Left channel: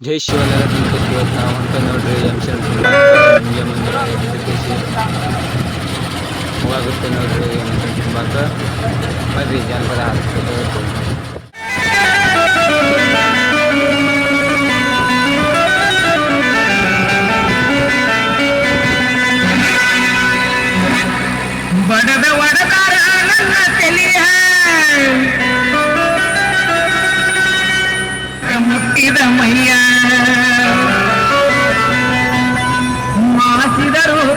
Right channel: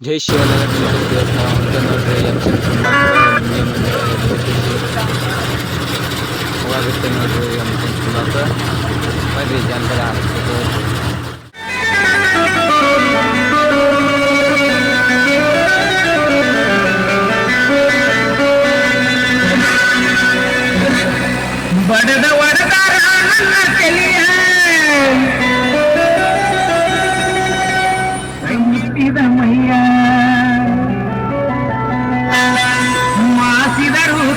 ಜೈ ಶಿವಲಾಲ ಗಣಪತಿ ಇವತ್ತು ನಾವು ಹೊಂಟ ನೋಡ್ರಿ ಎಂ ಸಿ ತುಂಬ ನಿಮಗೆ ಹೋಗಾಗುತ್ತೆ ನೋಡ್ರಿ ಎಂ ಸಿ ಜಾನಪದ ಹಾಕ್ಬೇಕು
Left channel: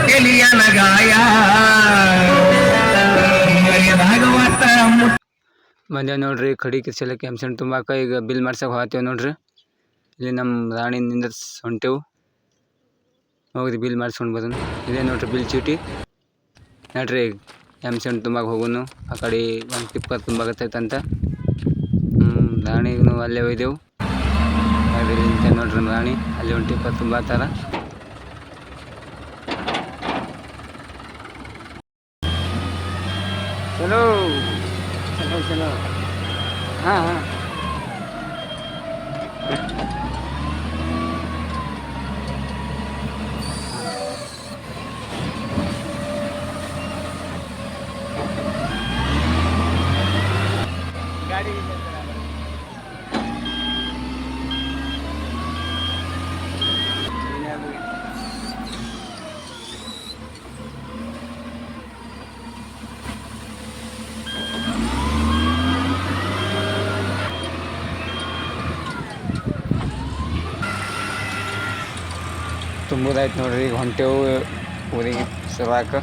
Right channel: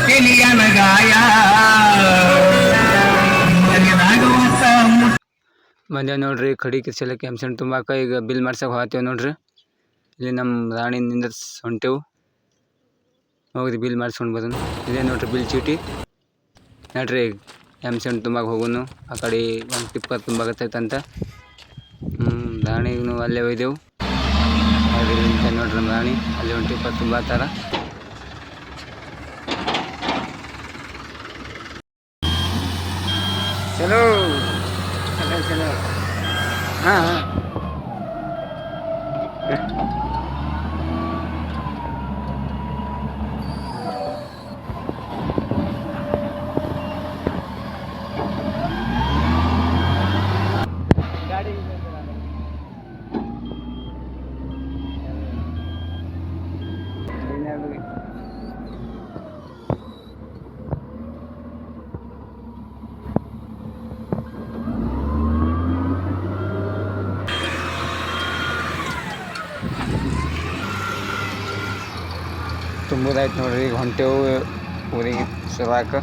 ತೆಲಿಯನ ನೋಡ್ರಿ, ಕಡಿ ಕಿರ್ಸಲಕ್ಕೆ ಸಿ ತುಂಬಾಕ ಈಗ ಬಿಲ್ ಮಾಡ್ಸಕ್ಕೆ ಹೋಗ್ತೇವೆ ನೋಡ್ರಿ. ಇಲ್ಲಿ ನಮ್ಮ ರಾಣಿ ನಿಂದರ್ಸ್ ಹೊಂಟೆವು ಹೋಗಿ ಬಿಲ್ ಮಾಡಿಸ್ಕೊಂಡು ಬರೋನು ಇದೇ ನೋಡ್ರಿ, ಬಿಲ್ ಚೀಟಿ. ನೋಡ್ರಿ ಎಂ ಸಿ ತುಂಬಾಕ ಹೋಗೋನು. ಆ ಕಡೆ ಒಂದು ಟಿಪ್ಪರ್ ಅಂತ ರಾಣಿಗೂ ಅಲ್ಲೇ ಒಯ್ದೆವು. ನೋಡ್ರಿ ನಮ್ಮ ರಾಣಿ. ಅಲ್ಲಿ ಒಂದು ಟಿಪ್ಪರ್ ತುಂಬಾತಾರ ಚಲೋ ಚಲೋ ಚಲೋ ಹಾಂ ಹಾಂ ಗಾಡಿ ತುಂಬುದಾಯ್ತು ನೋಡ್ರಿ ಈಗ ಹೊಂಟೆವು ಊರಿಗೆ ಶುರುವಾಕ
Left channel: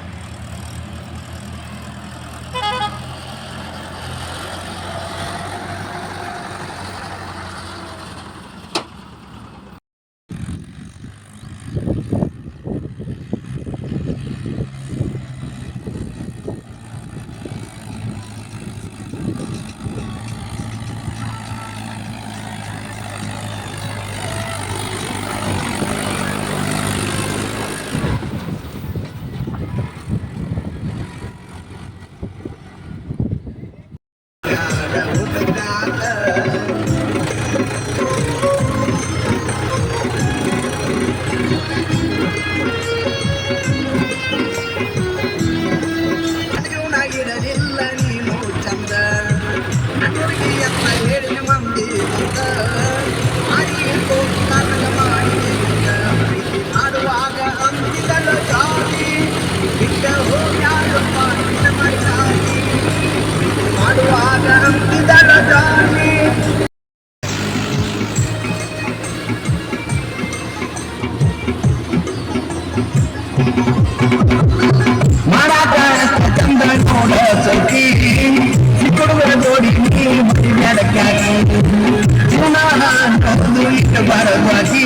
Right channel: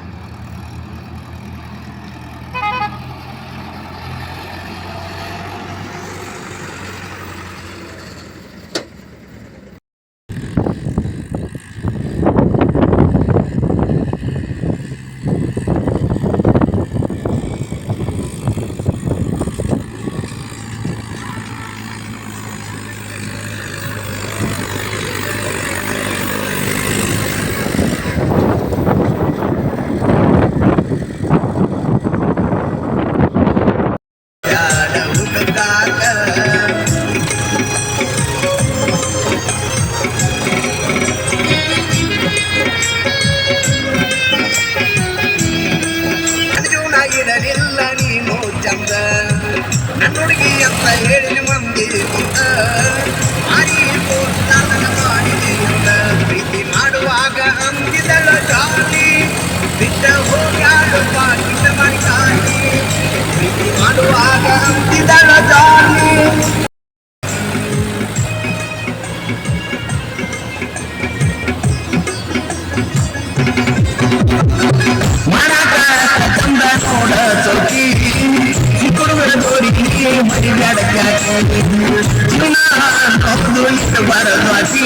ಬರದ್ವಾಸಿ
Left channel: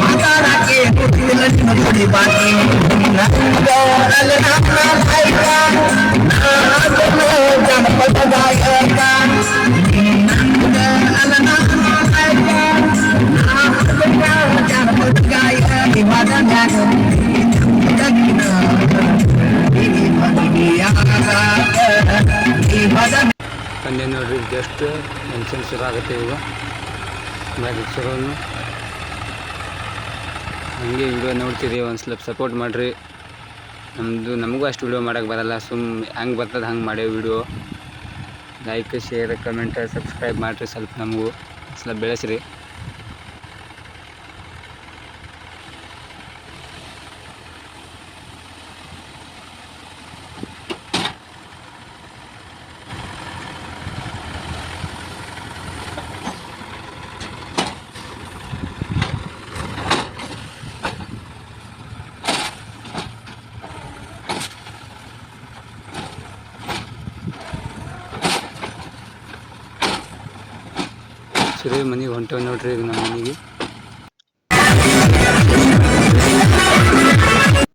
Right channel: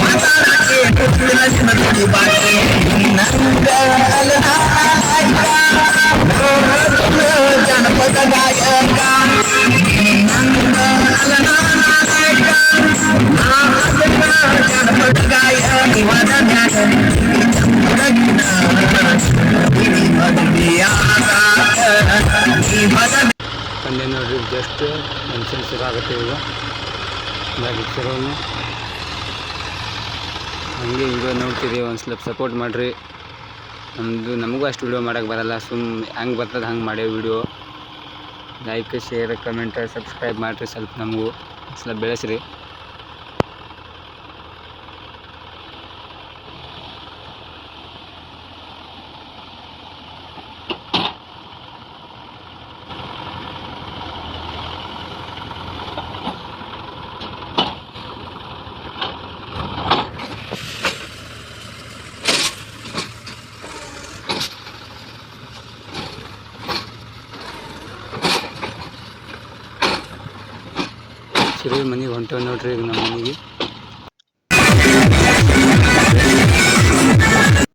ಮಾತಾಡಕ್ಕೆ ಕೊಟ್ಟಿಲ್ಲ ನಿನ್ನ ಜೋಡಿ ಬಾಕಿ ಜಸ್ಟ್ ಮೆನ್ಷನ್ ಶುರು ಆಗುತ್ತೆ ಈಗ ಬಾಗಿ ಶುರುನು ಹಂಗೆ ವಿಡಿಯೋ ನೋಡ್ತೀರಿ ಒಂದು ಸ್ವಲ್ಪ ಸಪೋರ್ಟ್ ಮಾಡಿರಿ. ನಮ್ಮದು ನಮಗೂ ಅಷ್ಟು ವಿಡಿಯೋ ಮಾಡೋಕ್ಕೆ ಬರಲ್ಲ, ಸುಮ್ ಹಂಗೆ ಬರ್ತದೆ ಹಂಗೆ ಮಾಡೇವಿ video like share comment subscribe ಮಾಡಿರಿ, ಸ್ವಲ್ಪ ನಮಗೂ ಸ್ವಲ್ಪ ಬೆಳೆಸ್ರಿ. ಸರಿ ಮನೆಗೆ ಹೊಂಟೇವೆ ನೋಡ್ರಿ ಈಗ ನಮ್ಮ ಮನೆಗೆ.